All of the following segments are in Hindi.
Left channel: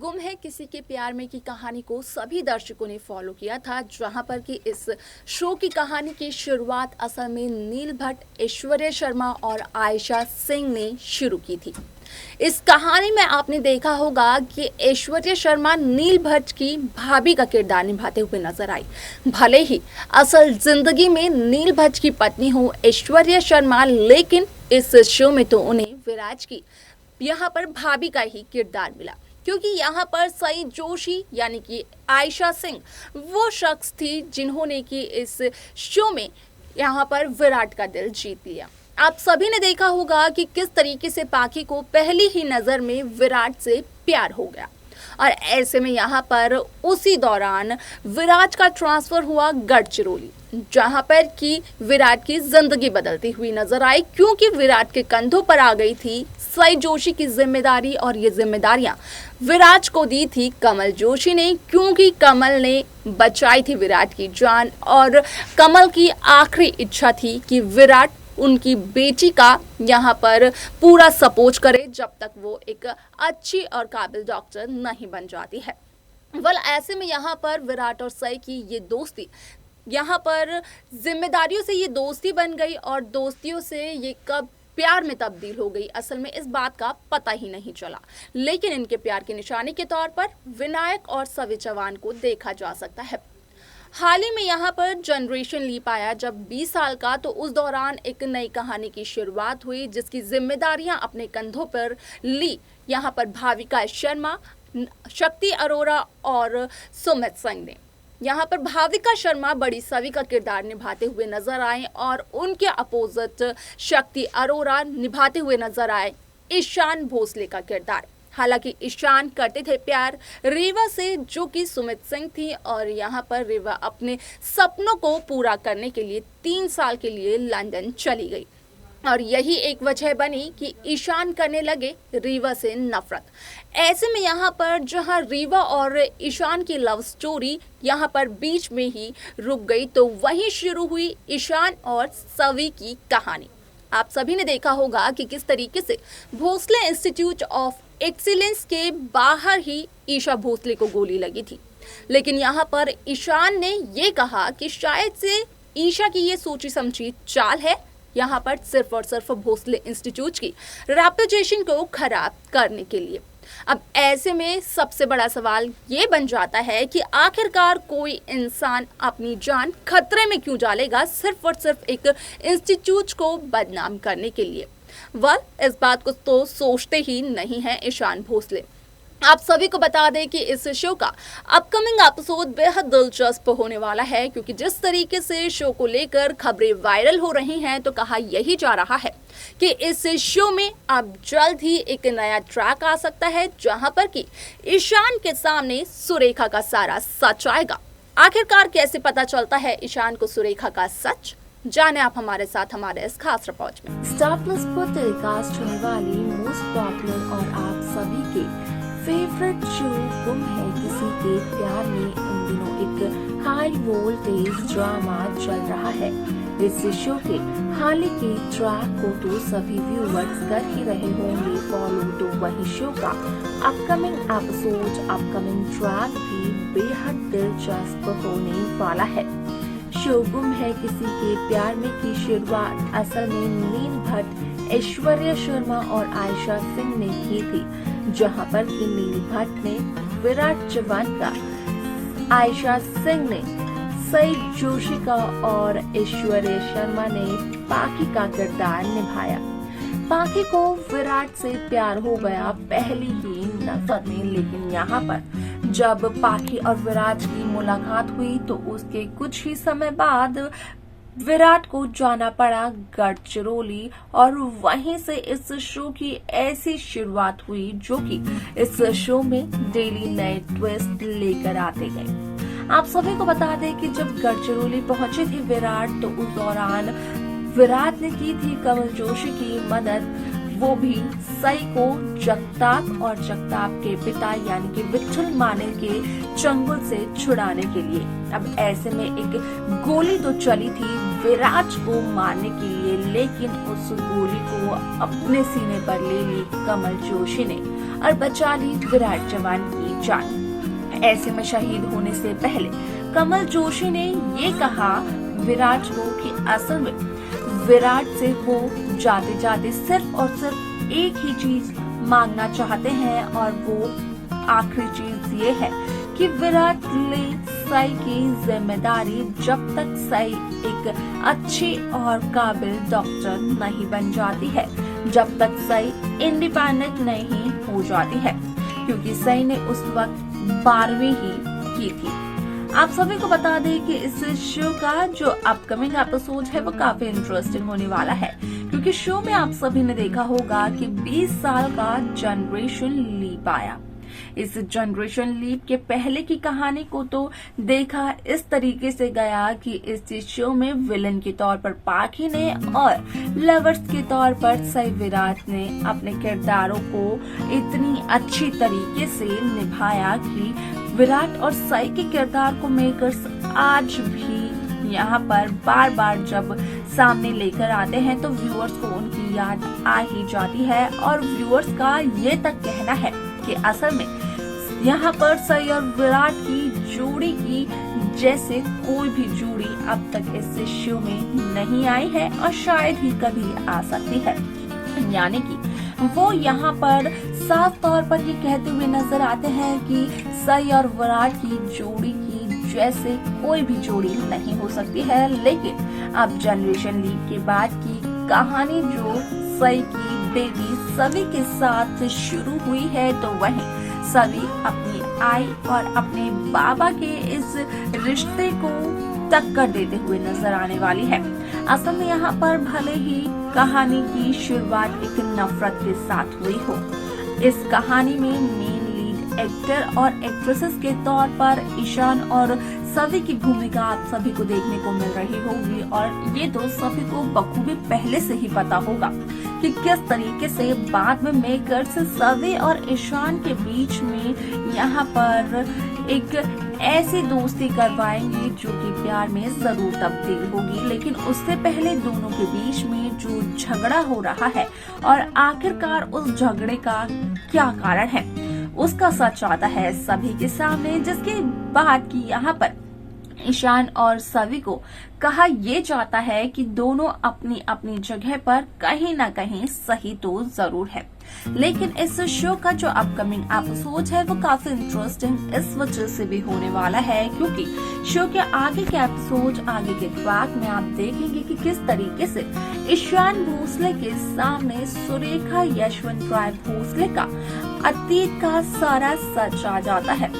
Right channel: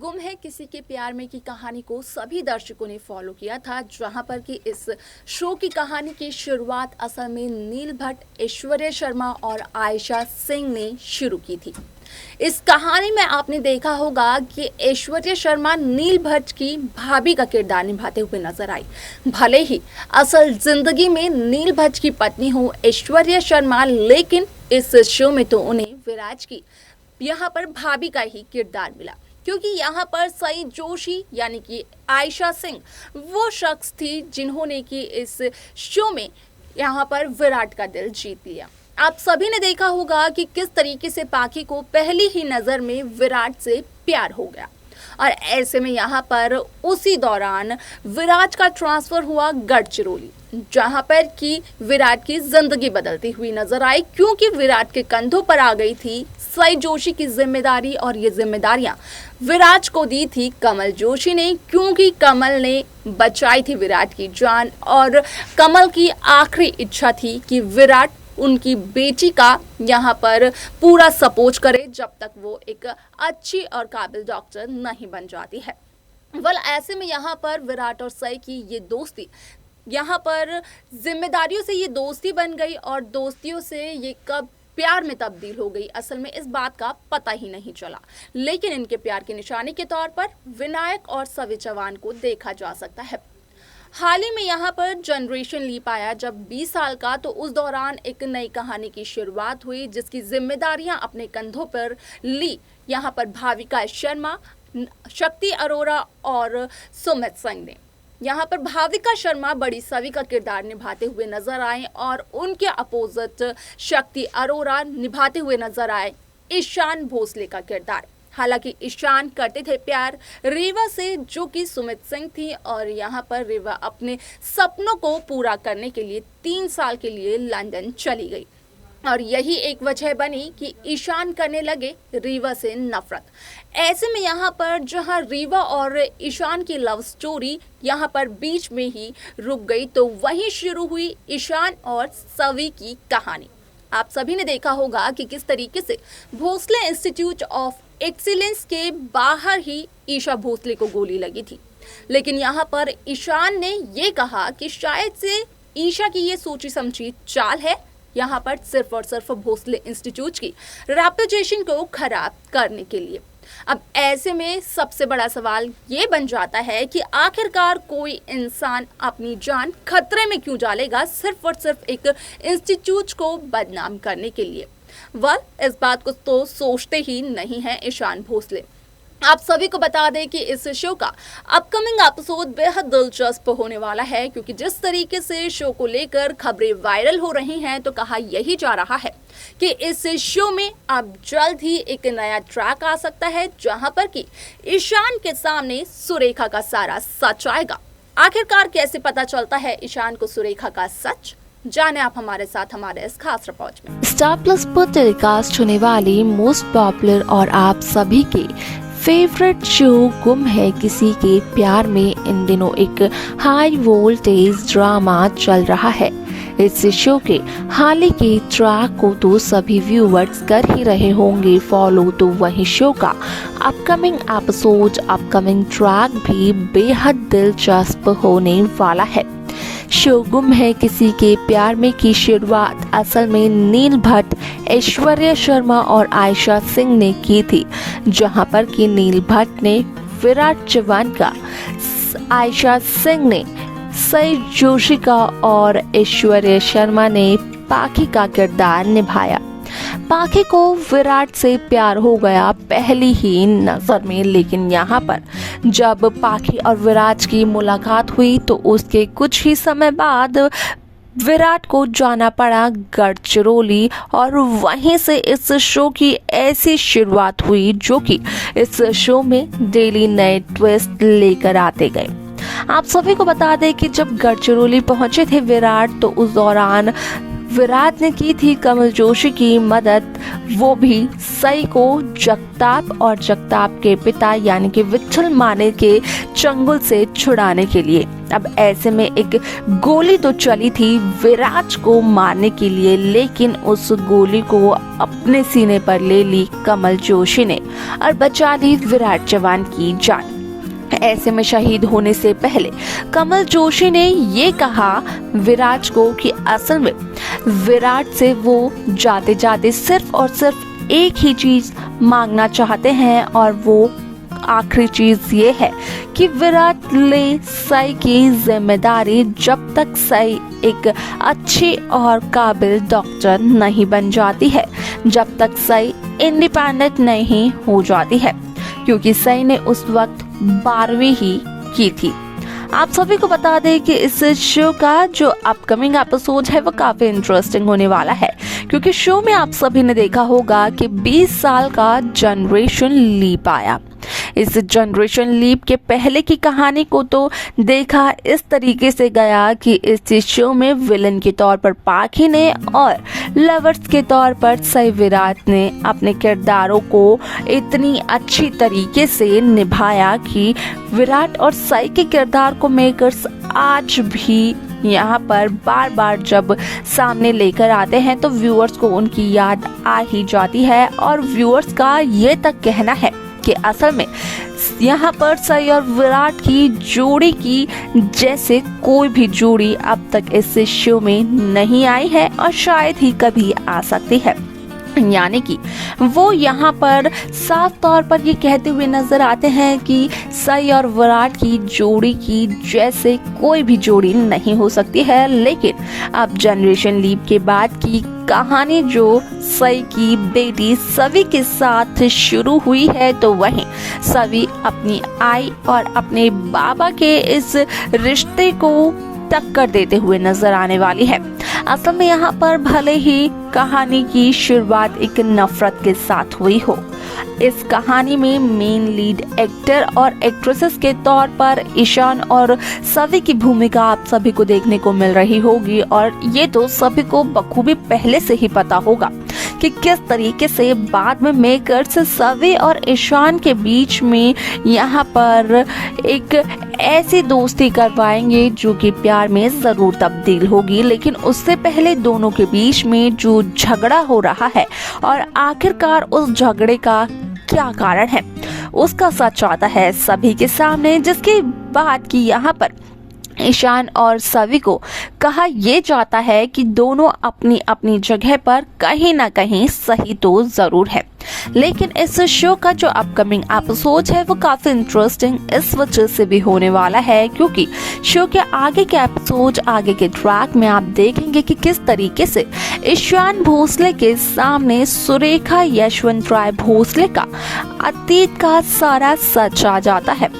गुम है किसी के प्यार में की कहानी को सभी दर्शकों ने फॉलो किया था, जहां पर कि इस शो की कहानी की शुरुआत असल में नील भट्ट, ऐश्वर्या शर्मा और आयशा सिंह ने शुरू की थी। इस कहानी में आपने देखा होगा कि ऐश्वर्या शर्मा नील भट्ट की भाभी का किरदार निभाते हुए नजर आई। भले ही असल जिंदगी में नील भट्ट की पत्नी हो ऐश्वर्या शर्मा, लेकिन इस शो में तो उन्हें विराज की यहाँ पर भाभी का ही किरदार मिला, क्योंकि यहाँ पर सई जोशी यानी कि आयशा सिंह वो शख्स थी जिन्होंने कि इस शो में यहाँ पर विराट का दिल जीत लिया। आप सभी ने देखा होगा कि किस तरीके से पाखी को पहली ही नज़र में विराट से प्यार हो गया, और ऐसे में यहाँ पर उसी दौरान विराट का ट्रांसफ़र हुआ गढ़चिरौली, जहाँ पर कि विराट की ज़िंदगी बदलती हुई नजर आई, क्योंकि विराट के कंधों पर आ गई थी सई जोशी की जिम्मेदारी। और ये जिम्मेदारियां विराट को दी थी कमल जोशी ने, क्योंकि कमल ने बचाई थी विराट की जान, और कमल की आखिरी इच्छा थी कि विराट उनकी बेटी का यहाँ पर पूरा सपोर्ट करे जब तक वो एक अच्छी और काबिल डॉक्टर नहीं बन जाती है। ऐसे में यहाँ पर विराट और सई की ये दोस्ती यहाँ पर जिम्मेदारियों से ये दोस्ती बन गई, और दोस्तियों से ये कब प्यार में तब्दील हो गई असल में इस बात का पता ही नहीं चला। लेकिन इनके प्यार की निशानी के तौर पर विनायक और सवि चौहान को देखा जा सकता है। हाल ही में यहाँ पर जनरेशन लीप आया जब 20 साल का, तो उस दौरान एक नई कहानी की शुरुआत हुई जिसकी जिम्मेदारियां अपने कंधों पर ली यहाँ पर भाविका शर्मा, शक्ति अरोरा और सुमित सिंह ने। यहाँ पर भाविका शर्मा बड़ी सवि का किरदार निभाते हुए नजर आए, और उनके अपोजिट शक्ति अरोरा निभाते हुए नजर आए ईशान भोसले का किरदार। हालांकि ईशान करते थे प्यार रीवा से, जो कि सुमित सिंह थी, और यहाँ पर रीवा अपने सपनों को पूरा करने के लिए 3 साल के लिए लंदन चली गई, और यही एक वजह बनी कि ईशान करने लगे रीवा से नफरत। ऐसे में यहाँ पर जहाँ रीवा और ईशान की लव स्टोरी यहाँ पर बीच में ही रुक गई, तो वहीं शुरू हुई ईशान और सवि की कहानी। आप सभी ने देखा होगा कि किस तरीके से भोसले इंस्टीट्यूट ऑफ एक्सीलेंस के बाहर ही ईशा भोसले को गोली लगी थी, लेकिन यहाँ पर ईशान ने ये कहा कि शायद से ईशा की ये सोची समझी चाल है यहाँ पर सिर्फ और सिर्फ भोसले इंस्टीट्यूट की रेपुटेशन को खराब करने के लिए। अब ऐसे में सबसे बड़ा सवाल ये बन जाता है कि आखिरकार कोई इंसान अपनी जान खतरे में क्यों डालेगा सिर्फ और सिर्फ एक इंस्टीट्यूट को बदनाम करने के लिए। इस बात को तो सोचते ही नहीं है ईशान भोसले। आप सभी को बता दें कि इस शो का अपकमिंग एपिसोड बेहद दिलचस्प होने वाला है, क्योंकि जिस तरीके से शो को लेकर खबरें वायरल हो रही हैं, तो कहा यही जा रहा है कि इस शो में अब जल्द ही एक नया ट्रैक आ सकता है, जहां पर कि ईशान के सामने सुरेखा का सारा सच आएगा। आखिरकार कैसे पता चलता है ईशान को सुरेखा का सच, जाने आप हमारे साथ हमारे इस खास रिपोर्ट में। स्टार प्लस पर टेलीकास्ट होने वाली मोस्ट पॉपुलर और आप सभी के फेवरेट शो गुम है किसी के प्यार में इन दिनों एक हाई वोल्टेज ड्रामा चल रहा है। इस शो के हाल ही के ट्रैक को तो सभी व्यूअर्स कर ही रहे होंगे फॉलो, तो वही शो का अपकमिंग एपिसोड, अपकमिंग ट्रैक भी बेहद दिलचस्प होने वाला है। शो गुम है किसी के प्यार में की शुरुआत असल में नील भट्ट, ऐश्वर्या शर्मा और आयशा सिंह ने की थी, जहां पर कि नील भट्ट ने विराट चौहान का, आयशा सिंह ने सई जोशी का और ऐश्वर्या शर्मा ने पाखी का किरदार निभाया। पाखी को विराट से प्यार हो गया पहली ही नजर में, लेकिन यहाँ पर जब पाखी और विराट की मुलाकात हुई तो उसके कुछ ही समय बाद विराट को जाना पड़ा गढ़चिरौली, और वहीं से इस शो की ऐसी शुरुआत हुई जो कि इस शो में डेली नए ट्विस्ट लेकर आते गए। आप सभी को बता दें कि जब गढ़चिरौली पहुंचे थे विराट, तो उस दौरान विराट ने की थी कमल जोशी की मदद, वो भी सई को जगताप और जगताप के पिता यानी कि विट्ठल माने के चंगुल से छुड़ाने के लिए। अब ऐसे में एक गोली तो चली थी विराट को मारने के लिए, लेकिन उस गोली को अपने सीने पर ले ली कमल जोशी ने और बचा ली विराट जवान की जान। ऐसे में शहीद होने से पहले कमल जोशी ने ये कहा विराट को कि असल में विराट से वो जाते जाते सिर्फ और सिर्फ एक ही चीज मांगना चाहते हैं, और वो आखिरी चीज ये है कि विराट ले सई की जिम्मेदारी जब तक सई एक अच्छी और काबिल डॉक्टर नहीं बन जाती है, जब तक सई इंडिपेंडेंट नहीं हो जाती है, क्योंकि सई ने उस वक्त 12वीं ही की थी। आप सभी को बता दें कि इस शो का जो अपकमिंग एपिसोड है वो काफी इंटरेस्टिंग होने वाला है, क्योंकि शो में आप सभी ने देखा होगा कि 20 साल का जनरेशन लीप आया। इस जनरेशन लीप के पहले की कहानी को तो देखा इस तरीके से गया कि इस शो में विलन के तौर पर पाखी ने और लवर्स के तौर पर सई विराट ने अपने किरदारों को इतनी अच्छी तरीके से निभाया कि विराट और सई के किरदार को मेकर्स आज भी यहाँ पर बार बार जब सामने लेकर आते हैं तो व्यूअर्स को उनकी याद आ ही जाती है। और व्यूअर्स का ये तक कहना है कि असल में यहाँ पर सई और विराट की जोड़ी की जैसे कोई भी जोड़ी अब तक इस शो में नहीं आई है और शायद ही कभी आ सकती है। यानी कि वो यहाँ पर साफ तौर पर ये कहते हुए नजर आते हैं कि सई और विराट की जोड़ी की जैसे कोई भी जोड़ी नहीं हो सकती है। लेकिन अब जनरेशन लीप के बाद की कहानी जो सई की बेटी सवी के साथ शुरू हुई है, तो वहीं सवी अपनी आई और अपने बाबा के इस रिश्ते को टक्कर देते हुए नजर आने वाली है। असल में यहाँ पर भले ही कहानी की शुरुआत एक नफरत के साथ हुई हो, इस कहानी में मेन लीड एक्टर और एक्ट्रेसेस के तौर पर ईशान और सवी की भूमिका आप सभी को देखने को मिल रही होगी। और ये तो सभी को बखूबी पहले से ही पता होगा कि किस तरीके से बाद में मेकर्स सवी और ईशान के बीच में यहाँ पर एक ऐसी दोस्ती करवाएंगे जो कि प्यार में जरूर तब्दील होगी। लेकिन उससे पहले दोनों के बीच में जो झगड़ा हो रहा है और आखिरकार उस झगड़े का क्या कारण है उसका सच आता है सभी के सामने, जिसके बाद कि यहाँ पर ईशान और सवी को कहा यह जाता है कि दोनों अपनी अपनी जगह पर कहीं ना कहीं सही तो जरूर है। लेकिन इस शो का जो अपकमिंग एपिसोड है वो काफी इंटरेस्टिंग इस वजह से भी होने वाला है क्योंकि शो के आगे के एपिसोड, आगे के ट्रैक में आप देखेंगे कि किस तरीके से ईशान भोसले के सामने सुरेखा यशवंत राय भोसले का अतीत का सारा सच आ जाता है,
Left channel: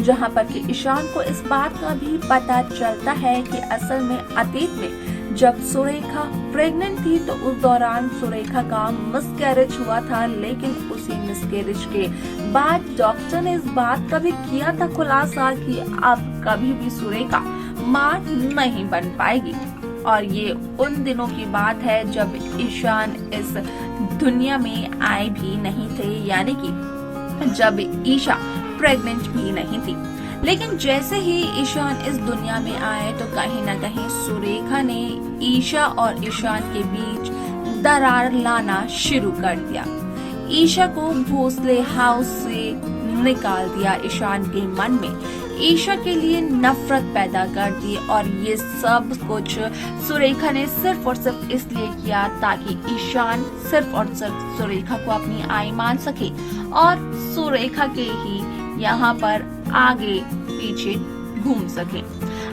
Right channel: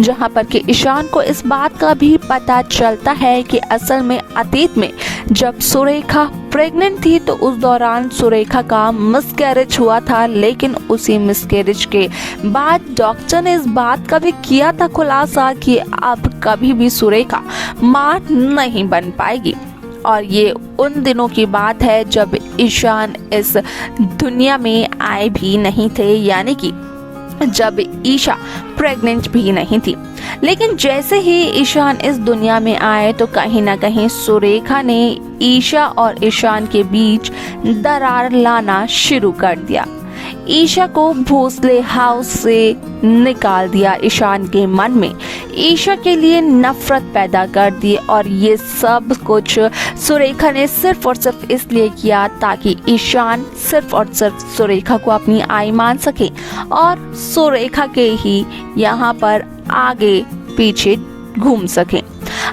जहां पर कि ईशान को इस बात का भी पता चलता है कि असल में अतीत में जब सुरेखा प्रेग्नेंट थी तो उस दौरान सुरेखा का मिसकैरेज हुआ था। लेकिन उसी मिसकैरेज के बाद डॉक्टर ने इस बात का भी किया था खुलासा कि अब कभी भी सुरेखा मां नहीं बन पाएगी। और ये उन दिनों की बात है जब ईशान इस दुनिया में आए भी नहीं थे, यानी कि जब ईशा प्रेग्नेंट भी नहीं थी। लेकिन जैसे ही ईशान इस दुनिया में आए तो कहीं ना कहीं सुरेखा ने ईशा और ईशान के बीच दरार लाना शुरू कर दिया। ईशा को भोसले हाउस से निकाल दिया, ईशान के मन में ईशा के लिए नफरत पैदा कर दी। और ये सब कुछ सुरेखा ने सिर्फ और सिर्फ इसलिए किया ताकि ईशान सिर्फ और सिर्फ सुरेखा को अपनी आई मान सके और सुरेखा के ही यहाँ पर आगे पीछे घूम सके।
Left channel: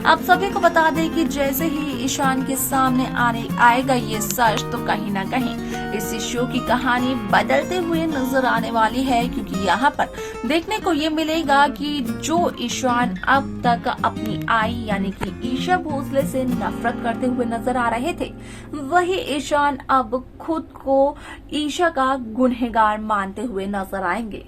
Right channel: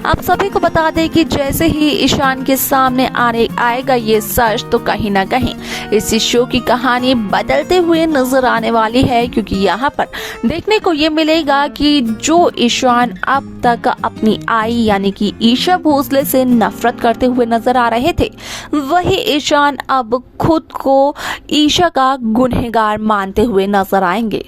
आप सभी को बता दें कि जैसे ही ईशान के सामने आएगा ये सच तो कहीं ना कहीं इस शो की कहानी बदलते हुए नजर आने वाली है, क्योंकि यहाँ पर देखने को ये मिलेगा कि जो ईशान अब तक अपनी आई यानी कि ईशा भोसले से नफरत करते हुए नजर आ रहे थे, वही ईशान अब खुद को ईशा का गुनहगार मानते हुए नजर आएंगे।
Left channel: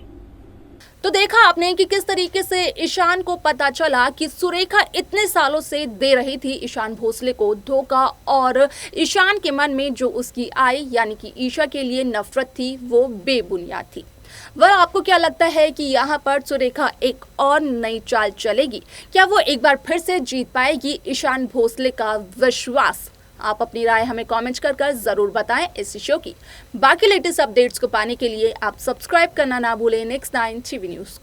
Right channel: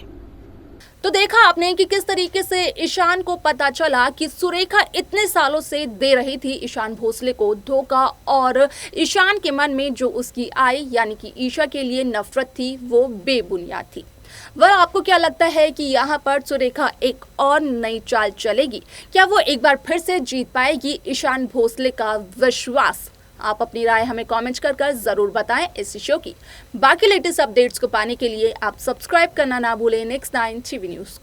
तो देखा आपने कि किस तरीके से ईशान को पता चला कि सुरेखा इतने सालों से दे रही थी ईशान भोसले को धोखा, और ईशान के मन में जो उसकी आई यानी कि ईशा के लिए नफरत थी वो बेबुनियाद थी। वह आपको क्या लगता है कि यहाँ पर सुरेखा एक और नई चाल चलेगी? क्या वो एक बार फिर से जीत पाएगी ईशान भोसले का विश्वास? आप अपनी राय हमें कमेंट्स कर जरूर बताएं। इस शो की बाकी लेटेस्ट अपडेट्स को पाने के लिए आप सब्सक्राइब करना ना भूलें नेक्स्ट 9 टीवी न्यूज़ को।